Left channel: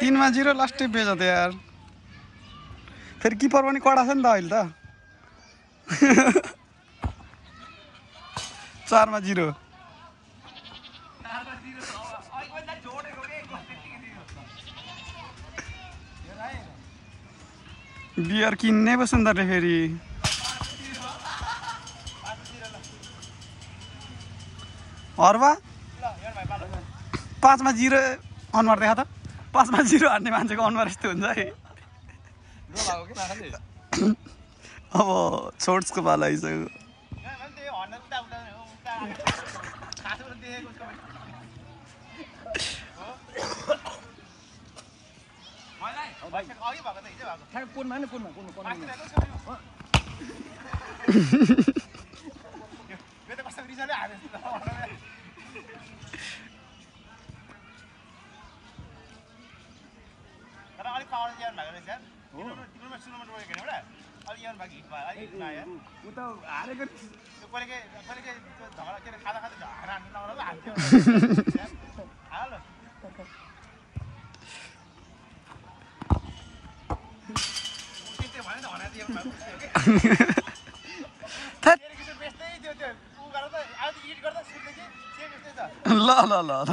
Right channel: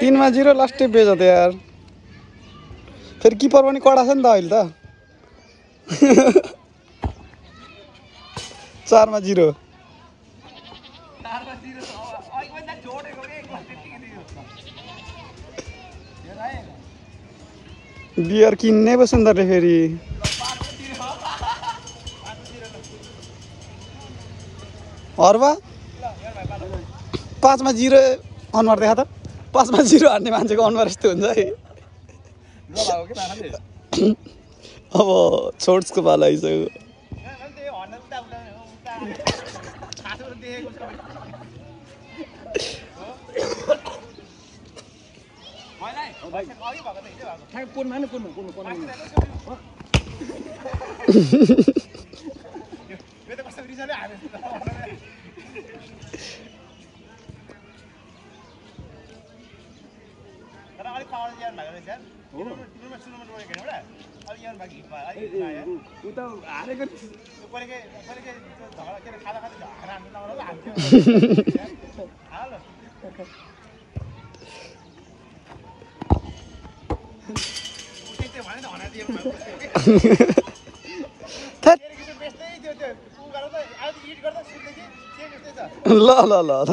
तीनमा 0 लास्टै बेच्यो त यार फेरि किपर पनि कडा छ नि त अहिले त 4मा 0 बियर किन्ने पो सुन्दरले फेरि हर्बा 5मा 0 अनुहार देखा त 5मा 0 हान्ने मान्छेको अनुहार यस्तो हुन्छ है अब छोड्सको पाला आइसक्यो ल ल ल ल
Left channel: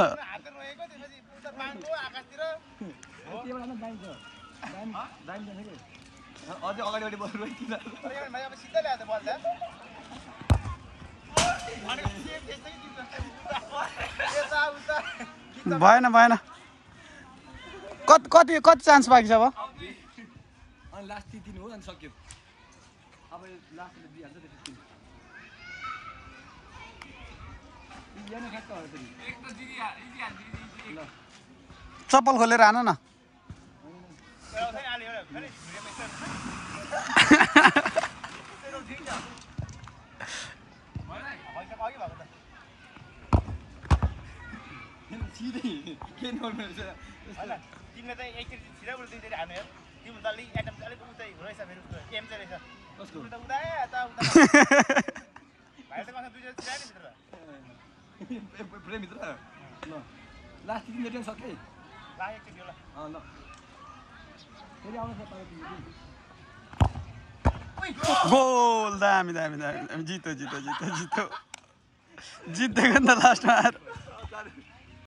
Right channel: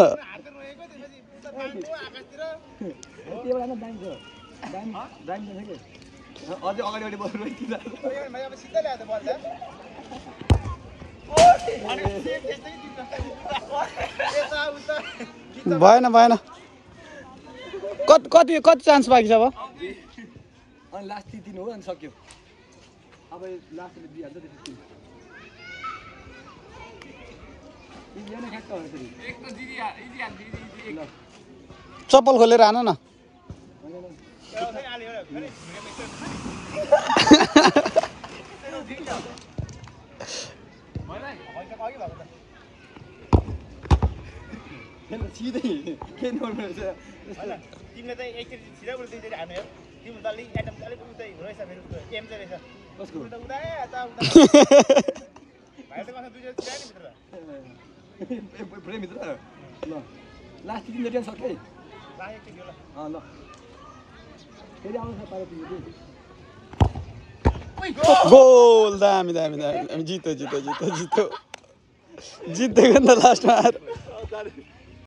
भएन भएन कति चान्स बाँकी छ अब अनि लास्ट 3 हो अनि सक्यो अब लास्टले दिइहाल्छ त्यति इजिया नै ठ्याक्क हो फेरि एक त जिदिहाल्छ चप्पल खोलेर हान न सिधै के नर्मल छ तिमीले चाहिँ एकचोटि सिधा उल्टा दुईचोटि हान्नु यार तिम्रो त अलिक एटम अलिक उतै रहेछ मेरो एम चाहिँ रहेछ कसको उता उदाए यता उता भाइ त कसै दुईचोटि सिधा नि भित्र फ्रेम भित्र ल लास्ट 3 मिनेट सक्दै लागेको थियो ल ल फेरि आउँछ पारो तिमीले गोल दामी दामी दामी जित्यो जित्यो जित्यो जित्यो जितेको नि त लास्टमा